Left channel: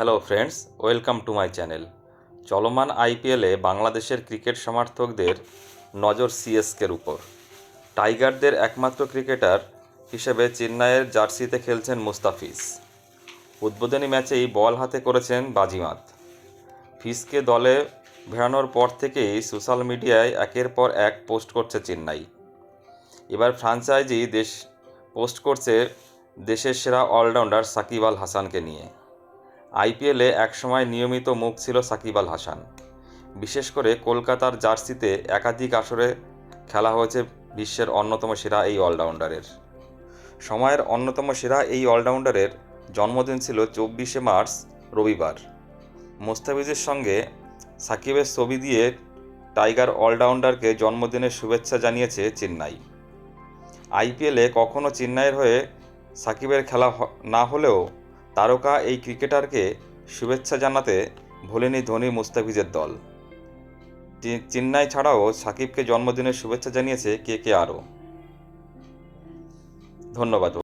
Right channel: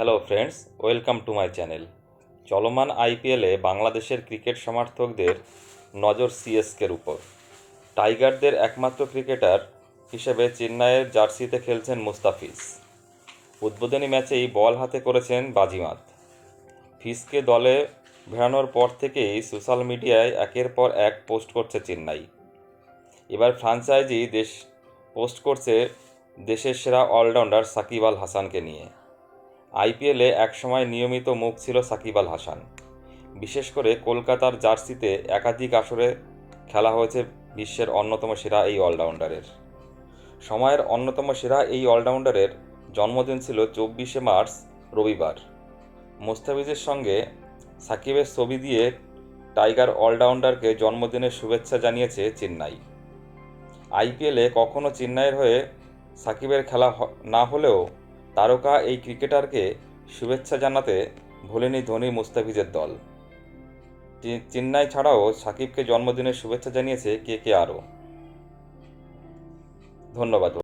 Hello friends, welcome to my channel. চলমান আইপিএলে বাংলাদেশের ক্রিকেট সমর্থকদের নজর সিএসকের উপর। টাইগারদের একমাত্র ক্রিকেটার হিসেবে চেন্নাইয়ের জার্সিতে খেলছেন মুস্তাফিজ। উদ্বোধনী ম্যাচেই বল হাতে করেছেন বাজিমাত। ফিজকে দলে ভেড়ানোর পর থেকেই সোশ্যাল মিডিয়ায় একের পর এক পোস্ট করছে চেন্নাই। এবার ফ্র্যাঞ্চাইজি পোস্ট করছে দেশের সেরা অলরাউন্ডার সাকিব আল হাসানকে নিয়ে। আইপিএলে একসময় নিয়মিত মুখ ছিল সাকিব আল হাসান। বিশেষ করে কলকাতার জার্সিতে একাধিক আসরে খেলা হয়েছে বিশ্বের অন্যতম সেরা এই অলরাউন্ডারের। সময়ের অন্যতম সেরা এই অলরাউন্ডারের জন্মদিন ছিল 24শে মার্চ, রবিবার। মুস্তাফিজের সঙ্গে সাকিবের ছবি দিয়ে টাইগার অলরাউন্ডারকে জন্মদিনের শুভেচ্ছা জানিয়েছে চেন্নাই। আইপিএলে কখনো চেন্নাইয়ের হয়ে সাকিবের খেলা না হলেও তারকা এই ক্রিকেটারকে শুভেচ্ছা জানাতে ভোলেনি ধোনি মুস্তাফিজের দল। চেন্নাই ছাড়াও সাকিবকে জন্মদিনের শুভেচ্ছা জানিয়েছে কে আরও। ধন্যবাদ।